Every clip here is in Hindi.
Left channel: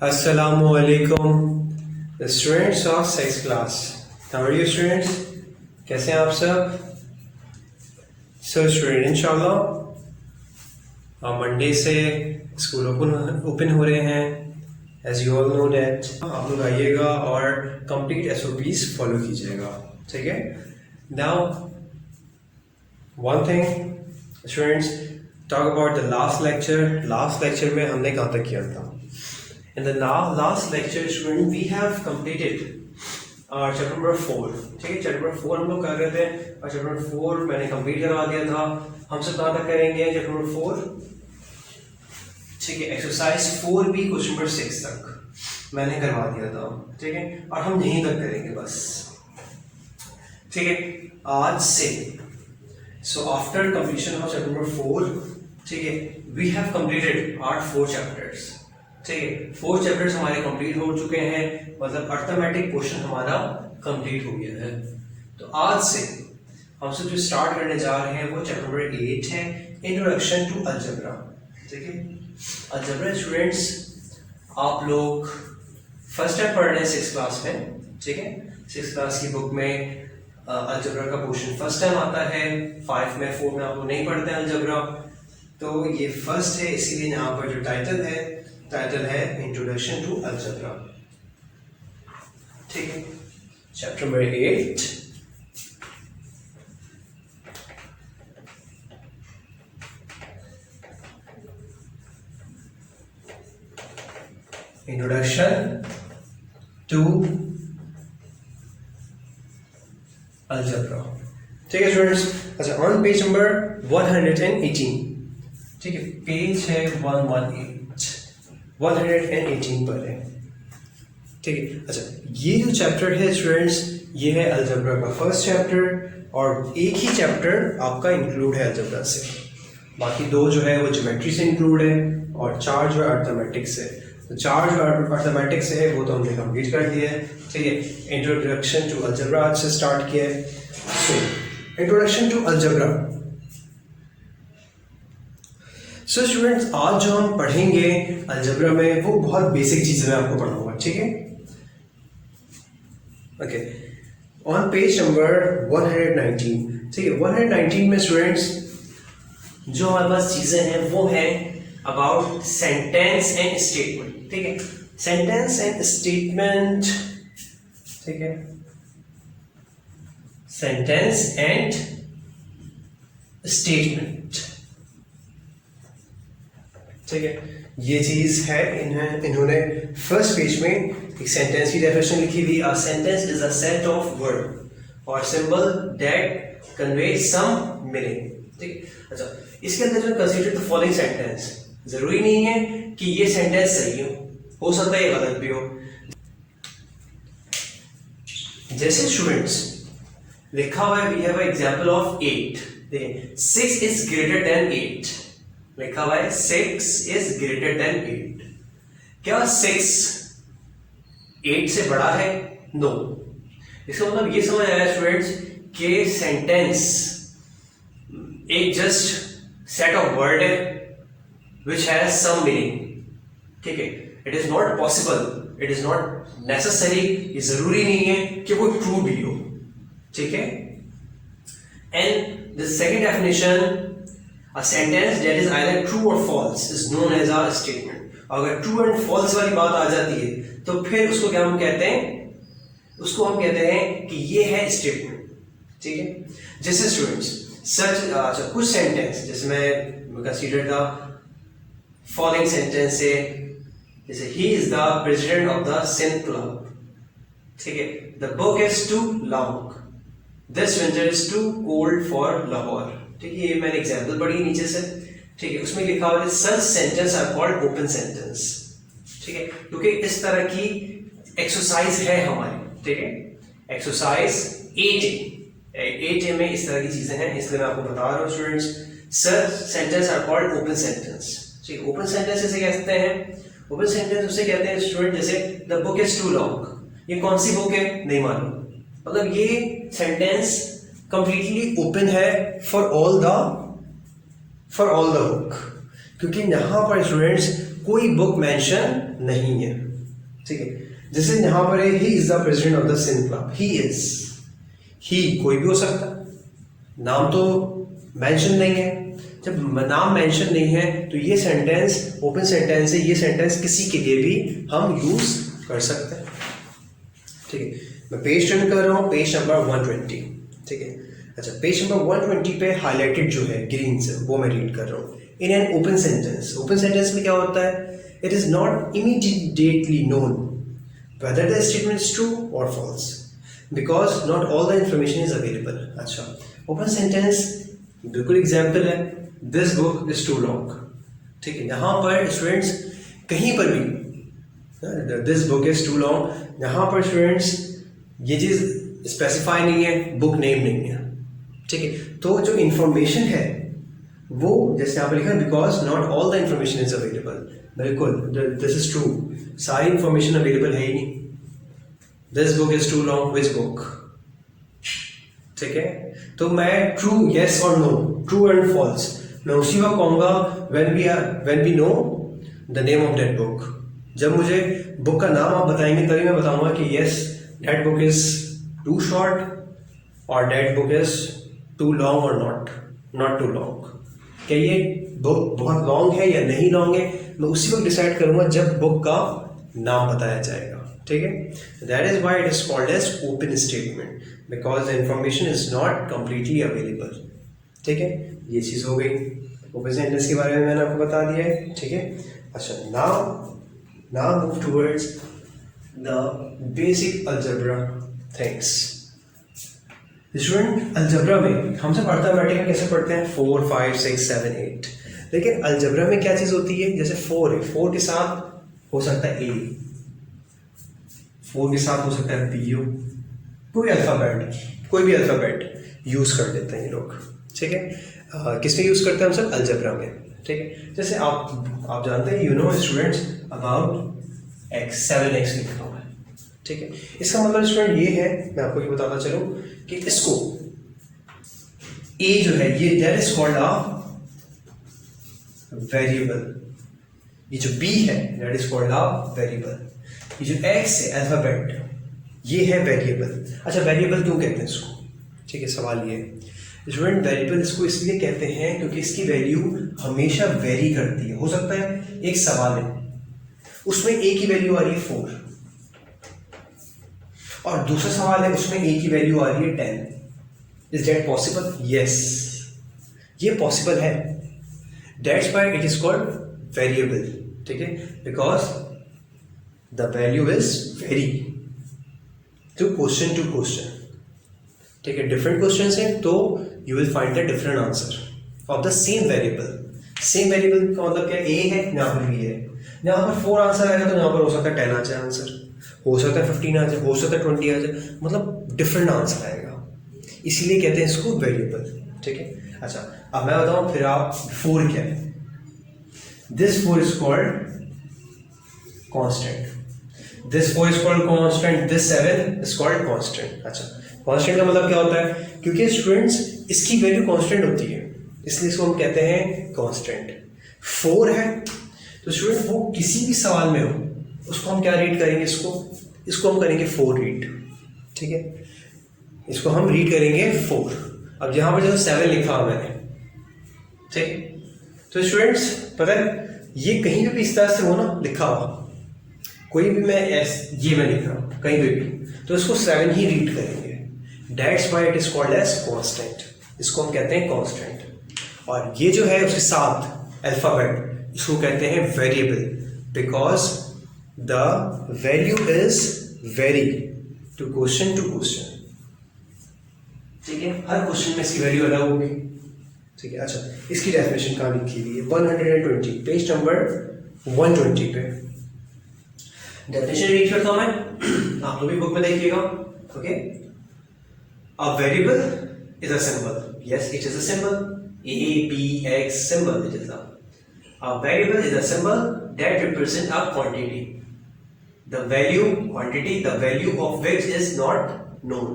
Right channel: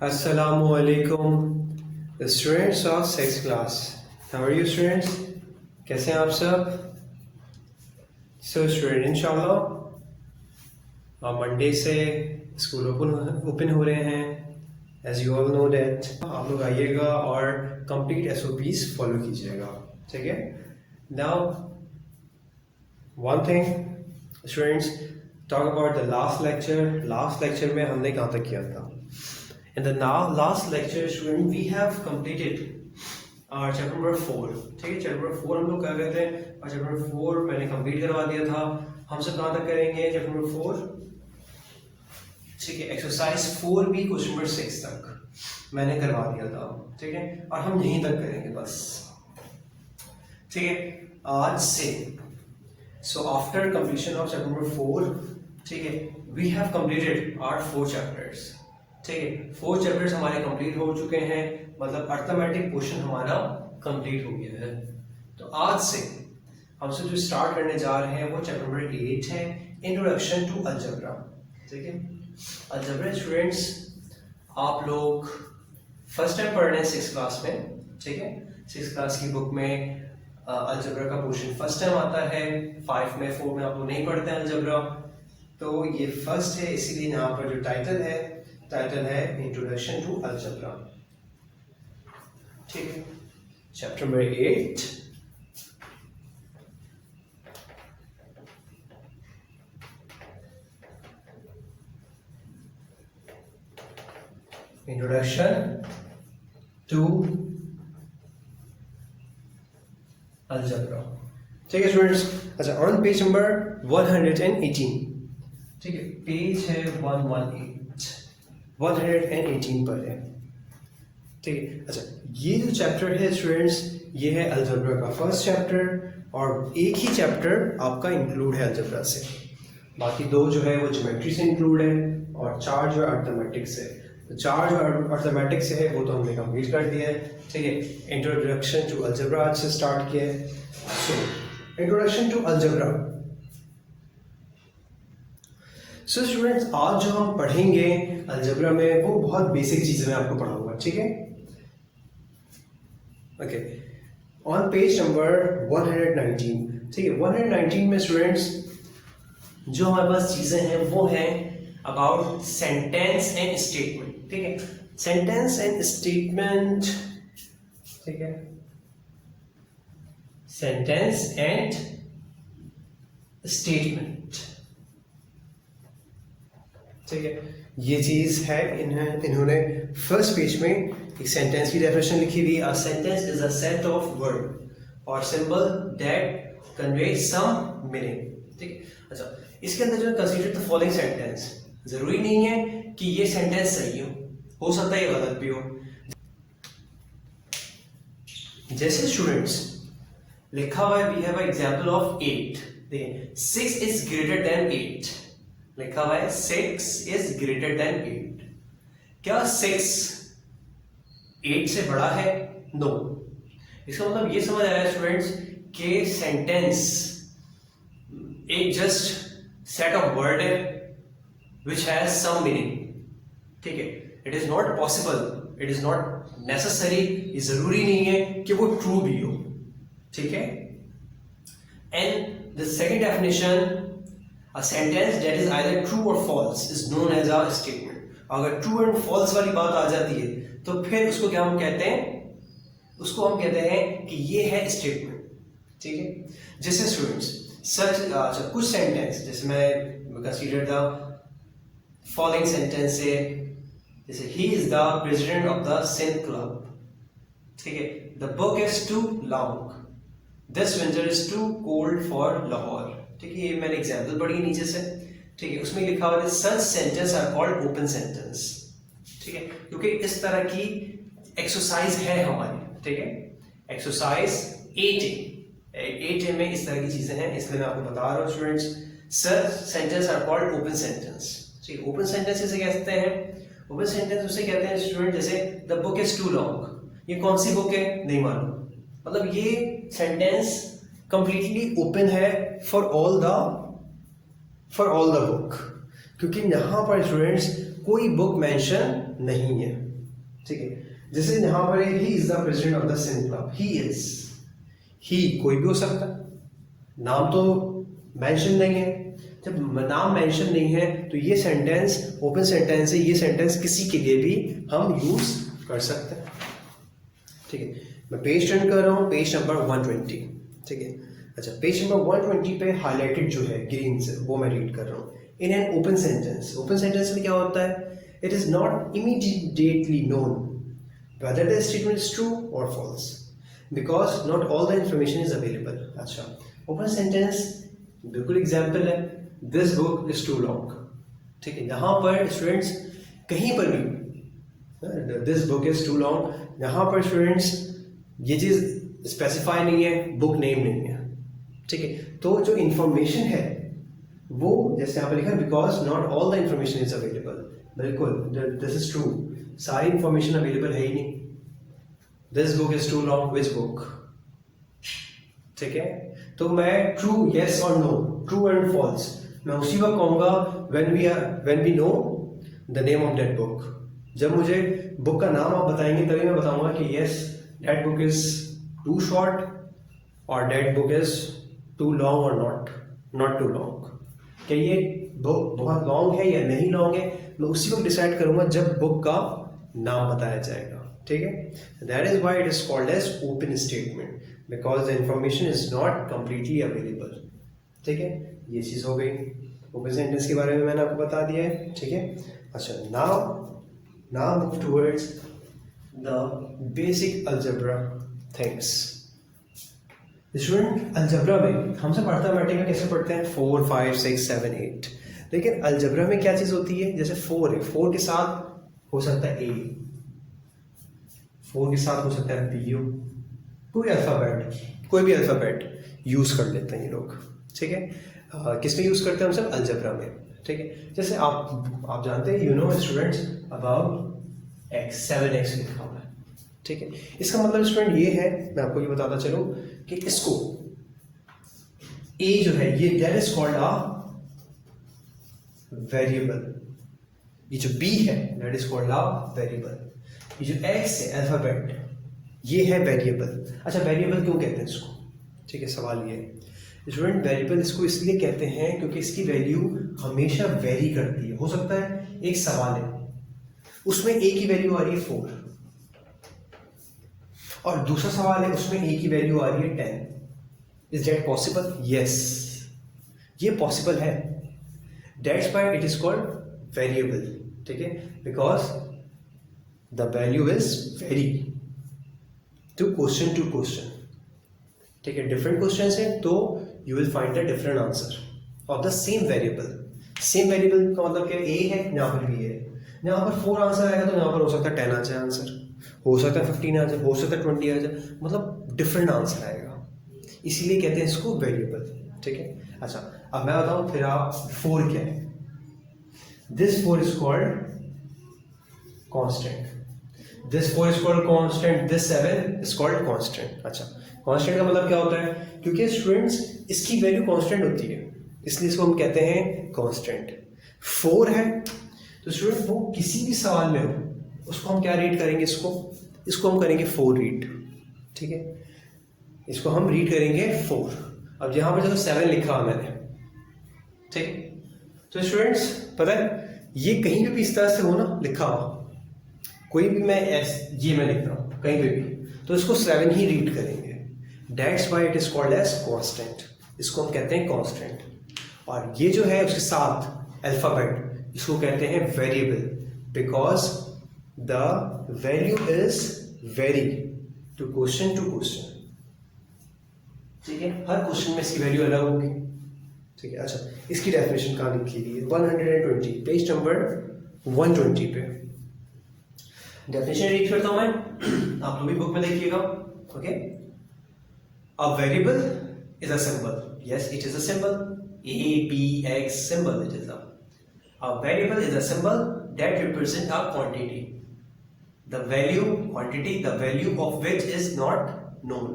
Assalamu alaikum, the students of 6th class. How are you students? कैसे हैं आप सब? So student इंशाल्लाह मंडे से स्कूल ओपन हो रहे हैं. As you all know that आप लोग आइएगा और complete SOPs फॉलो कीजिएगा, ठीक है? Now one thing students, talk about the last lecture. Last lecture में हमने कहाँ तक किया था? In the last lecture student we have completed chapter number 4. ठीक है, chapter number 4 हम लोग कर रहे थे और chapter number 4 मैंने complete करा दिया था. हम सब कहाँ तक करेंगे chapter number 4? ठीक है, exercise 4B question number 6 तक मैंने करवा दिया था. ठीक है, और हम यहीं तक करेंगे बस. ठीक है, आज से so after completion of chapter number 4, ठीक है, we have completed our 4 chapters. ठीक है, 4 चैप्टर्स हमारे कंप्लीट हो चुके हैं, मतलब अर्थमेटिक पोर्शन हमारा कंप्लीट हो गया है. तो आज से हम सब जो स्टार्ट करने जा रहे हैं वो चैप्टर नंबर 8 है, इंट्रोडक्शन टू अलजेब्रा. ठीक है, अलजेब्रा स्टूडेंट्स आप लोग फर्स्ट टाइम पढ़ रहे हैं 6th क्लास में. ठीक है, 6th क्लास की बुक में अलजेब्रा का पोर्शन फर्स्ट टाइम आता है. 5 में 4 में आप लोग नहीं पढ़ते हैं अलजेब्रा, तो ये फर्स्ट है, इसीलिए यहाँ पर जो टाइटल है इंट्रोडक्शन टू अलजेब्रा. ठीक है, chapter number 8. Introduction to algebra. ठीक है स्टूडेंट्स, अच्छा ऑन पेज नंबर 118. ठीक है, पेज है 118 पर है. ठीक है, अच्छा ये जो चैप्टर है स्टूडेंट्स, ये है अलजेब्रा का फर्स्ट चैप्टर और एक ही चैप्टर आपका इंक्लूड है अलजेब्रा से. बाकी 2 जो है वो ज्योमेट्री से इंक्लूड है और 4 जो है अर्थमेटिक से. तो 4 जो अर्थमेटिक से है वो तो हमने कंप्लीट कर दिया है. ठीक है, इंट्रोडक्शन टू अलजेब्रा आज से स्टार्ट किया है. So introduction to algebra. So students आज जो हम पढ़ेंगे अलजेब्रा में वो बहुत बेसिक चीज़ें मैं आपको पढ़ाऊंगा. ठीक है, ओके, ऑन पेज नंबर 119. ठीक है, 119 में स्टूडेंट्स जो हमारे पास चीज़ें हैं वो हैं अबाउट सेंटेंस एंड स्टेटमेंट. ठीक है, सेंटेंस एंड स्टेटमेंट. ठीक है, सेंटेंस एंड स्टेटमेंट. ठीक है, ये चीज है. इन्होंने फर्स्ट पेज में एक सेंटेंस की डेफिनेशन लिखी हुई. A sentence is a set of word और symbol that convey some meaning. ठीक, अच्छा इसके अंदर जो कंसीडर द फॉलोइंग सेंटेंस, जरूरी नहीं है कि ये सेंटेंस सही हो सकता है ये गलत भी हो. जैसे स्टूडेंट्स लिखा हुआ है, we have a example of 8. देखिए 6 इज ग्रेटर देन 8 लिखा हुआ है. 6 इज ग्रेटर देन 8. क्या 6 8 से बड़ा है? नो. इसका मतलब ये समझ आया स्टूडेंट्स कि सेंटेंस एक जस्ट सेट ऑफ वर्ड है विच हैज सम मीनिंग. ठीक है, it is not possible, it is not necessary, ये जरूरी नहीं है कि वो ट्रू भी हो. ठीक है, and the second definition, a sentence that is either true or false is known as a statement. अगर true and false वाली बात आ जाती है तो फिर उसको क्या हम कहते हैं? उसको हम कहते हैं कि ये है स्टेटमेंट. ठीक है, जैसे स्टूडेंट्स सच अच्छा कुछ सेंटेंस जैसे मैं कंसीडर द फॉलोइंग सेंटेंस से, जैसे ही is the president of the Sindh club. ठीक है, the book is too long, this winter is too cold for Lahore. ठीक है, ये मैंने एग्जांपल पढ़ी नीचे से. ठीक है, उसमें लिखा हुआ है such sentence are called open sentence. ठीक है, क्योंकि इस तरह की एक्सरसाइज है हमारी. ठीक है, एक्सरसाइज 8A में इस तरह की चीजें हैं, इसलिए मैं आपको बता रहा हूँ students. Such sentence are called open sentence. ठीक है, ओपन सेंटेंस इसे कहते हैं. ओपन सेंटेंस उसे कहते हैं स्टूडेंट जैसे the book is too long. ये कौन सी बुक है? नहीं मालूम. मतलब ये सेंटेंस कंप्लीटली ओपन है फॉर ऑल द बुक, क्योंकि यहाँ पर स्टूडेंट्स कोई बुक मेंशन नहीं है, ठीक है। जैसे यहाँ पर है, he is the president of the Sindh club, he is, he कोई भी हो सकता है, नाम तो मेंशन नहीं है। जब नाम मेंशन नहीं है तो ये सेंटेंस ओपन सेंटेंस है, ये सेंटेंस किसी के लिए भी हम यूज कर सकते हैं, ठीक है। मैं पेज टर्न कर रहा हूँ, पेज नंबर 120, ठीक है। अच्छा, पेज नंबर 120 पे हाईलाइटेड जो है ग्रीन से, वो मैं रीड कर रहा हूँ। In an open sentence, open sentence में क्या होता है, it is not immediately known whether the statement is true or false because not all the information is available। अच्छा, ओपन सेंटेंस बिल्कुल एग्जाम्पल है, this book is too long, ठीक है। यहाँ पर स्टूडेंट्स कहीं पर भी this book is too long, यहाँ पर स्टूडेंट्स ये चीज़ स्पेसिफाई नहीं है, बुक नेम नहीं है, ठीक है। तो जो इंफॉर्मेशन है वो जैसे यहाँ पर लिखा है, because not all the information is available, बिल्कुल दिस इज ट्रू, सारी इंफॉर्मेशन अवेलेबल है ही नहीं। This book is too long, which book, ठीक है। तो मैं ट्रू, यस और नो, ट्रू एंड फॉल्स, मैं उसी वक्त कहूँगा when we know the name of that book. जब मुझे बुक का नाम आप बताएंगे तभी मैं बताऊंगा कि yes that book is too short और that book is too long और नॉट टू लॉन्ग। क्या ये बुक बहुत लॉन्ग है या नहीं लॉन्ग है, मैं उसी वक्त डिसाइड करूंगा जब बुक का नाम बताया जाएगा, ठीक है। That is why it is called as open statement, because the information is not completely available, ठीक है। ये चीज़ हो गई, ओपन सेंटेंस के बारे में मैंने आपको बता दिया है, ठीक है। अच्छा, now move towards the basic algebra things. Student, algebra में हमसे अर्थमेटिक कैसे पढ़ते हैं, 4 5 6 7 8, लेकिन अलजेब्रा में क्या चीज़ होती है, जैसे 4 है, 4 के साथ हो सकता है ए, 4 के साथ हो सकता है बी, कोई भी अल्फ़ाबेट यूज़ कर लेते हैं ये लोग, ठीक है। किस में यूज़ करते हैं हम सब, अलजेब्रा में, ठीक है। जैसे आप जानते हैं, you know students about x, 7x लिखा हुआ है, ठीक है। इसका मतलब स्टूडेंट ये है, मैं आपको ये बताता चलूँ कि इसको a जो है ये that is called a variable, ये जो b है that is called a variable, ये जो x है अल्फाबेट ये है वेरिएबल। अच्छा, वेरिएबल क्यों कहते हैं इसको, ठीक है, सवाल ये है स्टूडेंट। वेरिएबल इसको इसलिए कहते हैं क्योंकि इसकी वैल्यू हमेशा वेरी करती है। हो सकता है एक सवाल है उसमें a की वैल्यू आ रही है 4 और दूसरा सवाल है उसमें a की वैल्यू आ रही है 10। Is that possible? यस, ये पॉसिबल है। That's why it is called variable, ठीक है, because the value is very to question, ठीक है। डिफरेंट क्वेश्चन है तो you will find the different answer of the same variable. Same variable का मतलब क्या, ए है, यहाँ पर भी है, यहाँ पर 4 आंसर आएगा तो यहाँ पर हो सकता है 10 आ जाए आंसर, हो सकता है 15 आ जाए, हो सकता है 20 आ जाए, मतलब डिफरेंट आंसर आएगा, इसीलिए कहते हैं इसको वेरिएबल, ठीक है। अच्छा, अब मैं बताऊँ फिर आप 4 क्या है। This 4 is called constant, this 4 is called constant, this 7 is called constant. अच्छा, कांस्टेंट का मतलब क्या होता है, क्योंकि स्टूडेंट्स इसकी वैल्यू कांस्टेंट होती है इसलिए इसको हम कहते हैं कांस्टेंट। 4 है तो स्टूडेंट वो किसी भी सवाल में हो उसको हम क्या रीड करेंगे, इसको हम करेंगे 4 रीड, ठीक है, इसको हम रीड करेंगे 4। अब यहाँ पर जो 7 लिखा हुआ मैंने, ठीक है, तो स्टूडेंट्स पता है ये कहीं भी इस तरह से हो ना लिखा हुआ, कोई भी मैं ये मैं लिख रहा हूँ कहीं भी तो इसको 7 ही रीड करेंगे। That's why it is called as constant, इसको हम कहते हैं कांस्टेंट। और ये जो है उसके साथ अल्फाबेट इसको कहते हैं variable, because the value is very to question, ठीक है। हर क्वेश्चन में इसकी वैल्यू अलग होगी, ठीक है। अच्छा, इसकी डेफिनेशन कहाँ लिखी हुई है, 120 पेज नंबर 120 पे डेफिनेशन रीड करता हूं मैं, आप लोग भी बुक में देखिएगा, okay. A variable is a symbol. Yes, it is a symbol. A, B, X symbol. It is a variable is a symbol that represents a quantity. The value of which is not known.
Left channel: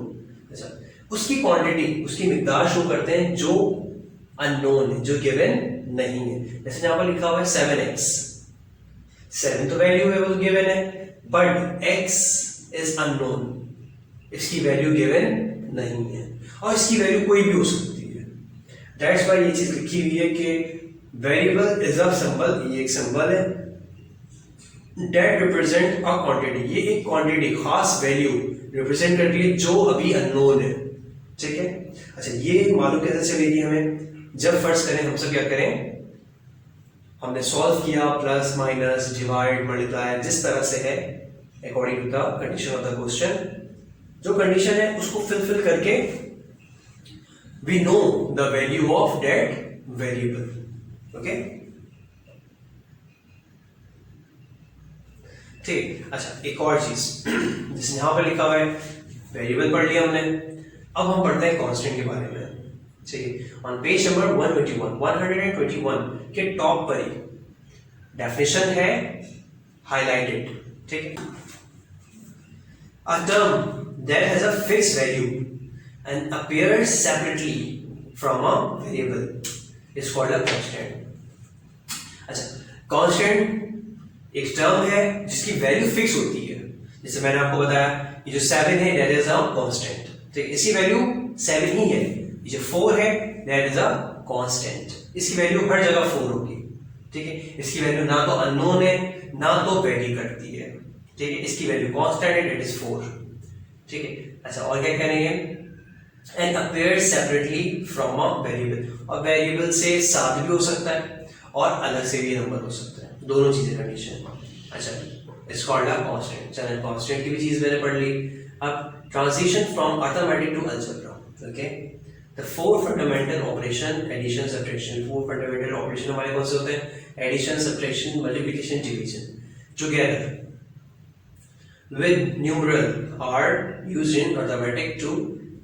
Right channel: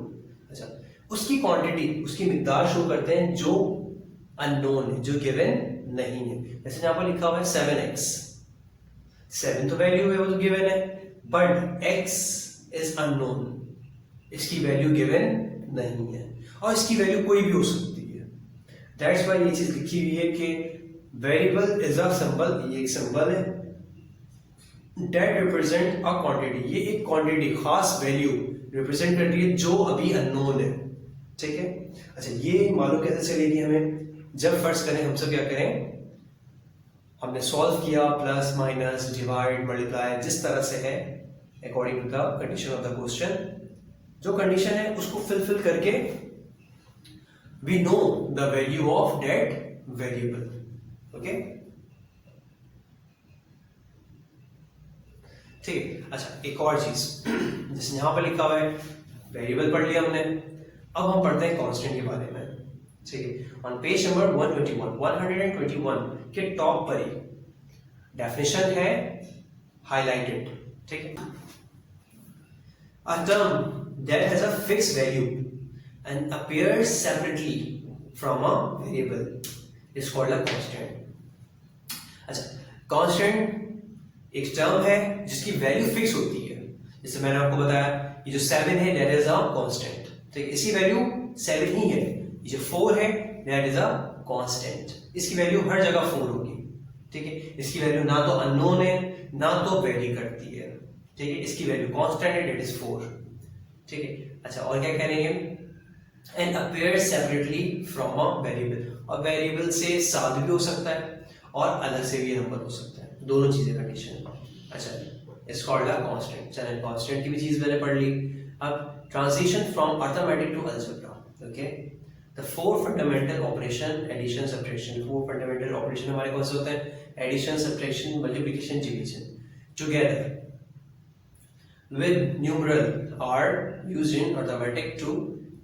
अच्छा, उसकी quantity, उसकी मिकदार शो करते हैं जो unknown है, जो given नहीं है। जैसे यहाँ पर लिखा हुआ है 7x, 7 तो वैल्यू है वो गिवन है, बट x इज अननोन, इसकी वैल्यू गिवन नहीं है, और इसकी वैल्यू कोई भी हो सकती है। दैट्स व्हाई ये चीज लिखी हुई है कि वेरिएबल इज अ सिंबल, ये एक सिंबल है, दैट रिप्रेजेंट अ क्वांटिटी, ये एक क्वांटिटी खास वैल्यू रिप्रेजेंट करती है जो अभी अननोन है। ठीक है, अच्छा ये मालूम कैसे चलेगी हमें, जब फर्स्ट करें हम सब क्या करें, हमने सॉल्व किया, प्लस माइनस डिवाइड मल्टीप्लाई जिस तरह से है according to the condition of the question, जो कंडीशन है उसको फिल करके we know the value of that variable. Okay, ठीक। अच्छा एक और चीज जिसने यहां पर लिखा हुआ है, वेरिएबल पढ़ लिया हमने, अब हम पढ़ते हैं कांस्टेंट के बारे में। ठीक है, ऑन पेज नंबर 121 के टॉप पर ही डेफिनेशन है हाइलाइटेड। ठीक है, a term that has a fixed value and appears separately from a variable is called a constant। अच्छा, constant एक टर्म है जिसकी वैल्यू फिक्स होती है, जैसे मैंने आपको बताया ये जो 7 है that is a constant, तो इसकी वैल्यू 7 ही है। ये जो 4 है that is a constant, इसकी वैल्यू हर जगह 4 होगी। ठीक है, इसकी वैल्यू ना तो अननोन है ना तो वेरी करती है। ठीक है, इसकी वैल्यू कांस्टेंट है, इट इज 4। ठीक है, अच्छा और क्या कह रहे हैं, and appear separately from a variable, और वेरिएबल से साथ भी हो सकता है और अलग से भी नंबर हो सकता है, दोनों चीजें कंडीशन। अच्छा इट्स कॉल्ड अ कांस्टेंट। चलो कांस्टेंट की भी चीज मैंने पढ़ ली। अब transition from arithmetic to algebra. Okay, the 4 fundamental operation, addition subtraction, 4 fundamental operation हमारे कौन से होते हैं, addition subtraction multiplication division, together with numeral are used in arithmetic to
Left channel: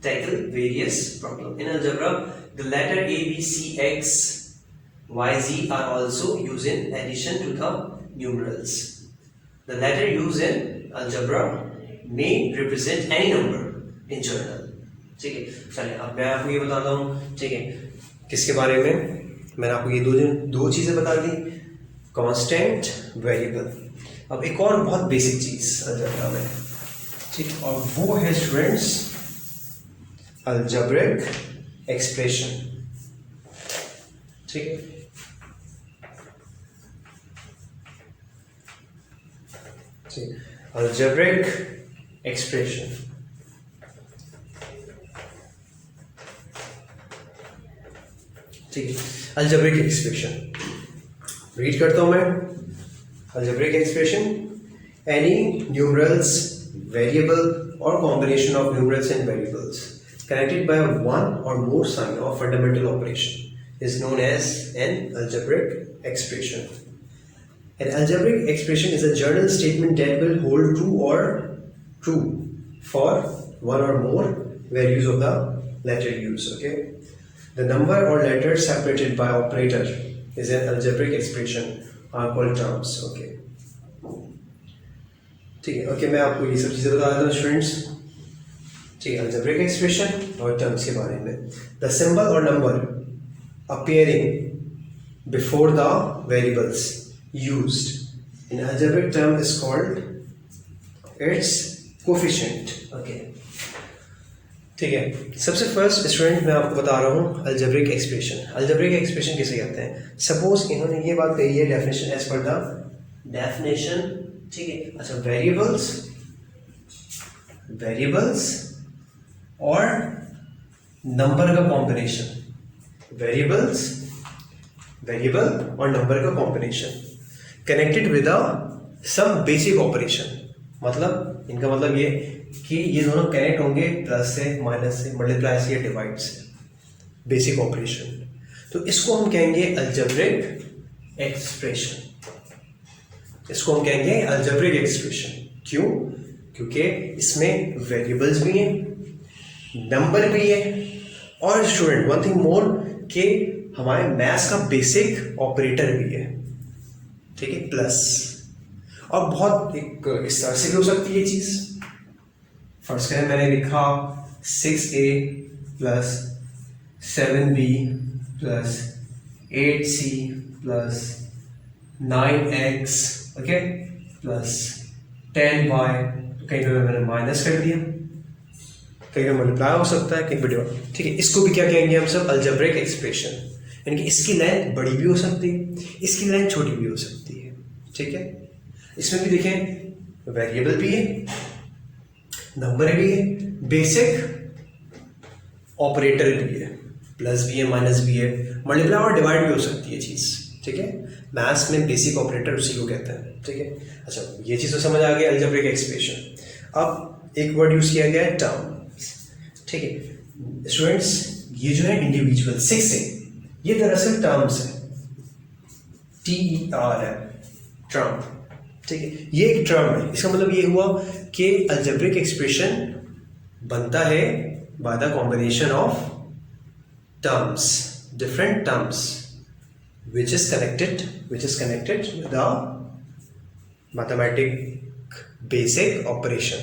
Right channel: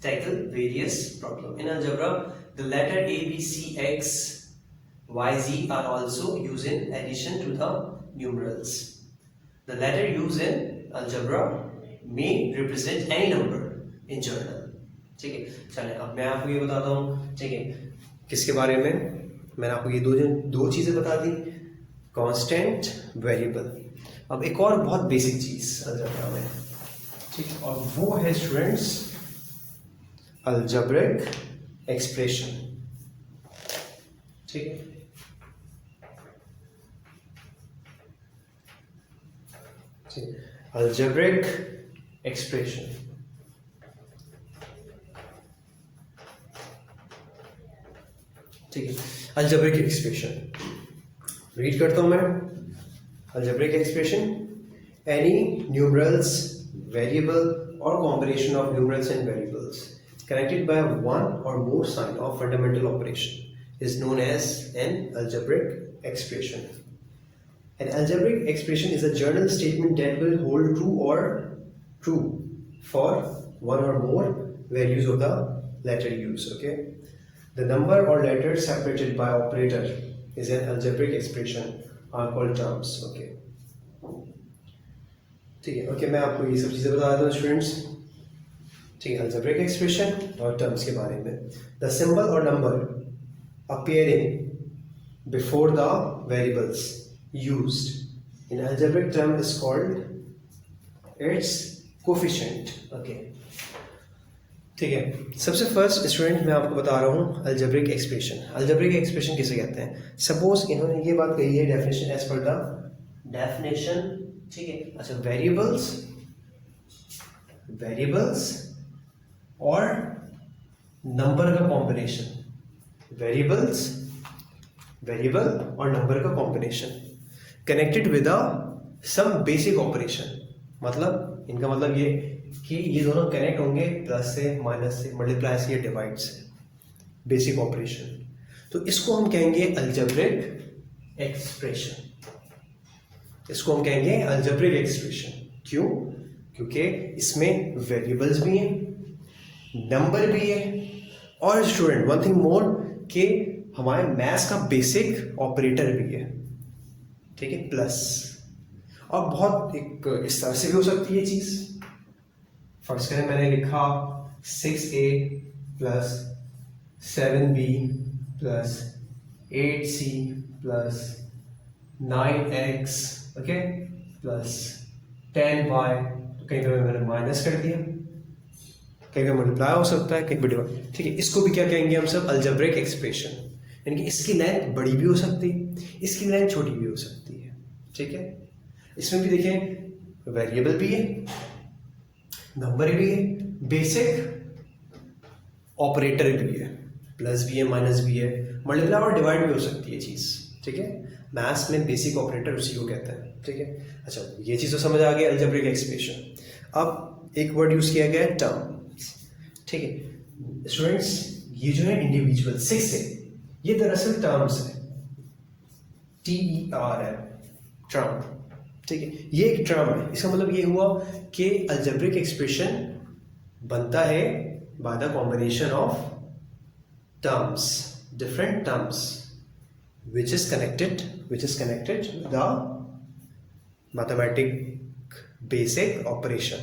tackle various problems. In algebra, the letter a, b, c, x, y, z are also used in addition to the numerals. The letter used in algebra may represent any number in general. ठीक है, चलिए अब मैं आपको ये बताता हूँ। ठीक है, किसके बारे में, मैंने आपको ये दो चीजें बता दी, कांस्टेंट, वेरिएबल। अब एक और बहुत बेसिक चीज अलजेब्रा में, ठीक, और वो है स्टूडेंट्स अलजेब्रिक एक्सप्रेशन। ठीक है, अलजेब्रिक एक्सप्रेशन। ठीक है, अलजेब्रिक एक्सप्रेशन रीड करता हूं मैं। Algebraic expression, any numerals, variable or combination of numerals and variables connected by one or more sign of fundamental operation is known as an algebraic expression. An algebraic expression is a general statement that will hold true for one or more values of the letter used. Okay, the number or letter separated by operator is an algebraic expression are called terms. Okay, ठीक है। ओके, मैं आपको ये सब चीजें बता देता हूँ स्टूडेंट्स। ठीक है, अलजेब्रिक एक्सप्रेशन और टर्म्स के बारे में। द सिंबल और number appearing before the variables used in algebraic term is called its coefficient. Okay, ठीक है, सबसे फर्स्ट स्टूडेंट मैं आपको बता रहा हूँ अलजेब्रिक एक्सप्रेशन। अलजेब्रिक एक्सप्रेशन किसे कहते हैं, सपोज इन्होंने ये बात कही है definition as per the definition. ठीक है, अच्छा वेरिएबल्स और नंबर का कॉम्बिनेशन, वेरिएबल और नंबर का combination connected with some basic operation. मतलब इनका मतलब ये कि ये दोनों कनेक्ट होंगे प्लस से, माइनस से, मल्टीप्लाई से या डिवाइड से, बेसिक ऑपरेशन। तो इसको हम कहेंगे अलजेब्रिक एक्सप्रेशन। इसको हम कहेंगे अलजेब्रिक एक्सप्रेशन। क्यों? क्योंकि इसमें वेरिएबल्स भी हैं, नंबर भी है, और स्टूडेंट वन थिंग मोर कि हमारे मैथ्स का बेसिक ऑपरेटर भी है। ठीक है, प्लस, और बहुत एक इस तरह से भी हो सकती है ये चीज। फर्स्ट करें, मैंने लिखा 6a plus 7b plus 8c plus 9x okay plus 10y, कहीं पे मैंने माइनस कर दिया, कहीं पे मल्टीप्लाई हो सकता है, कहीं पे डिवाइड, ठीक है। इसको भी क्या कहेंगे हम सब, अलजेब्रिक एक्सप्रेशन, यानी कि इसकी लेंथ बड़ी भी हो सकती है, इसकी लेंथ छोटी भी हो सकती है, ठीक है। इसमें भी देखें वेरिएबल भी है, नंबर भी है, बेसिक ऑपरेटर भी है, प्लस भी है, माइनस भी है, मल्टीप्लाई और डिवाइड भी हो सकती है चीज़, ठीक है। मैथ्स में बेसिक ऑपरेटर उसी को कहते हैं, ठीक है। अच्छा, ये चीज़ तो समझ आ गई अलजेब्रिक एक्सप्रेशन। अब एक वर्ड यूज किया गया है टर्म, ठीक है स्टूडेंट्स। ये जो है इंडिविजुअल 6 है, ये दरअसल टर्म्स है, TER है, टर्म, ठीक है। ये एक टर्म है, इसका मतलब ये हुआ कि अलजेब्रिक एक्सप्रेशन बनता है by the combination of terms, different terms which is connected with the mathematic basic operation,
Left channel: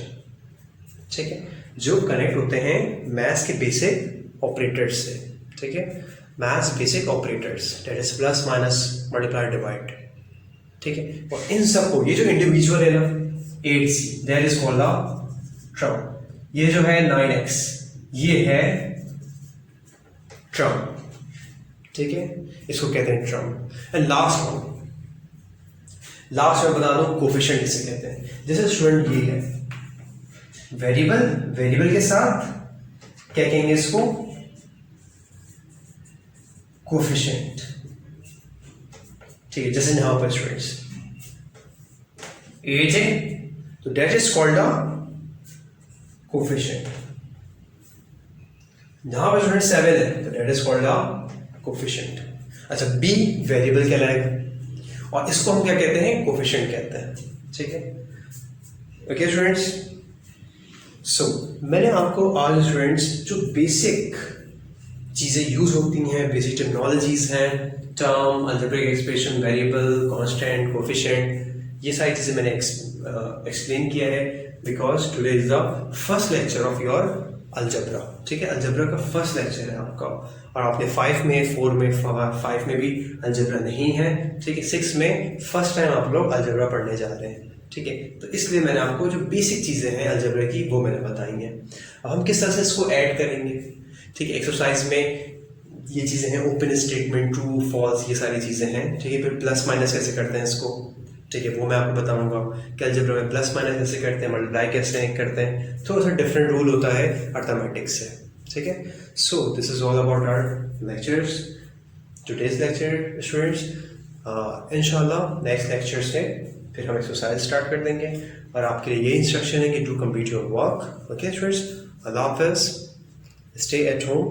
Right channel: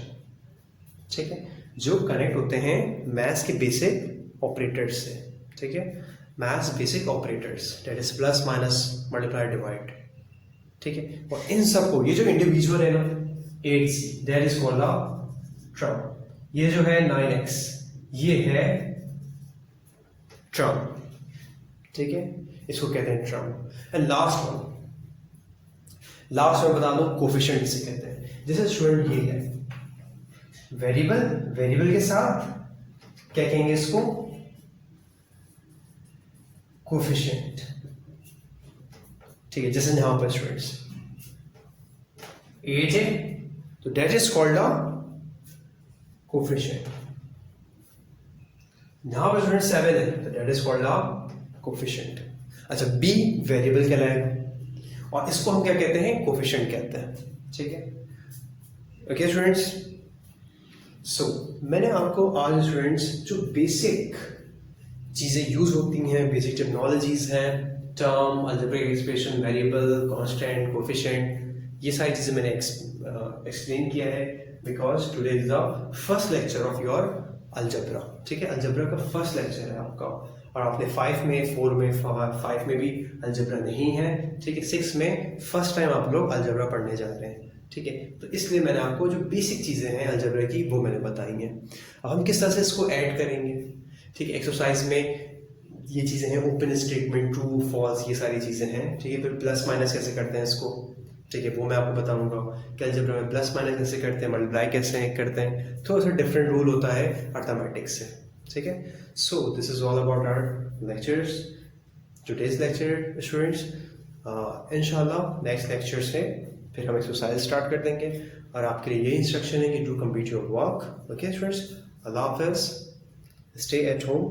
ठीक है, जो कनेक्ट होते हैं मैथ्स के बेसिक ऑपरेटर्स से, ठीक है। Maths basic operators that is plus minus multiply divide, ठीक है। और इन सबको, ये जो इंडिविजुअल है ना 8c that is called a term, ये जो है 9x ये है टर्म, ठीक है, इसको कहते हैं टर्म। एंड लास्ट में बता दूं कोफिशिएंट किसे कहते हैं। जैसे स्टूडेंट ये है वेरिएबल के साथ क्या कहेंगे इसको, कोफिशिएंट, ठीक है। जैसे यहां पर स्टूडेंट्स एज है तो that is called a coefficient, यहां पर स्टूडेंट 7 है तो that is called a coefficient. अच्छा, बी वेरिएबल कहलाएगा और इसको हम क्या कहते हैं, कोफिशिएंट कहते हैं, ठीक है। ओके स्टूडेंट्स, सो मैंने आपको आज स्टूडेंट्स जो बेसिक चीजें यूज होती हैं, बेसिक टेक्नोलॉजीज हैं, term, algebraic expression, variable, constant, coefficient, ये सारी चीजें मैंने एक्सप्लेन किया है because today is the first lecture of your algebra, ठीक है। अलजेब्रा का फर्स्ट लेक्चर है आपका और आपने 5 में 4 में 5 में भी अलजेब्रा नहीं है, ठीक है। 6 में फर्स्ट टाइम आप लोग अलजेब्रा पढ़ने जा रहे हैं, ठीक है। तो इसलिए मैंने आपको जो बेसिक चीज़ें हैं अलजेब्रा की वो मैंने बताई हैं। अब हम किस तरह से इसको ऐड करेंगे, ठीक है। एक्सरसाइज में ये चीज़ें हैं, ओपन स्टेटमेंट, ट्रू फॉल्स, ये सारी चीज़ें हैं, ठीक है। फिर प्लस माइनस कैसे करते हैं इसको, ठीक है, वो मैं आपको बताऊंगा कि अलजेब्रा में प्लस माइनस कैसे करते हैं, मल्टीप्लाई कैसे करते हैं, थोड़ा सा डिफरेंट रूल होता है अर्थमेटिक्स से, ठीक है। So this is all about our lectures, today's lecture students. इंशाल्लाह नेक्स्ट लेक्चर से फिर हम एक्सरसाइज स्टार्ट कर देंगे और आपके लिए ये इंस्ट्रक्शन है कि do complete your work, okay students. अल्लाह हाफिज़, stay at home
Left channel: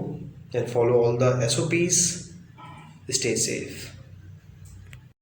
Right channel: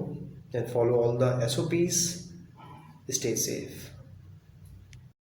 and follow all the SOPs, stay safe.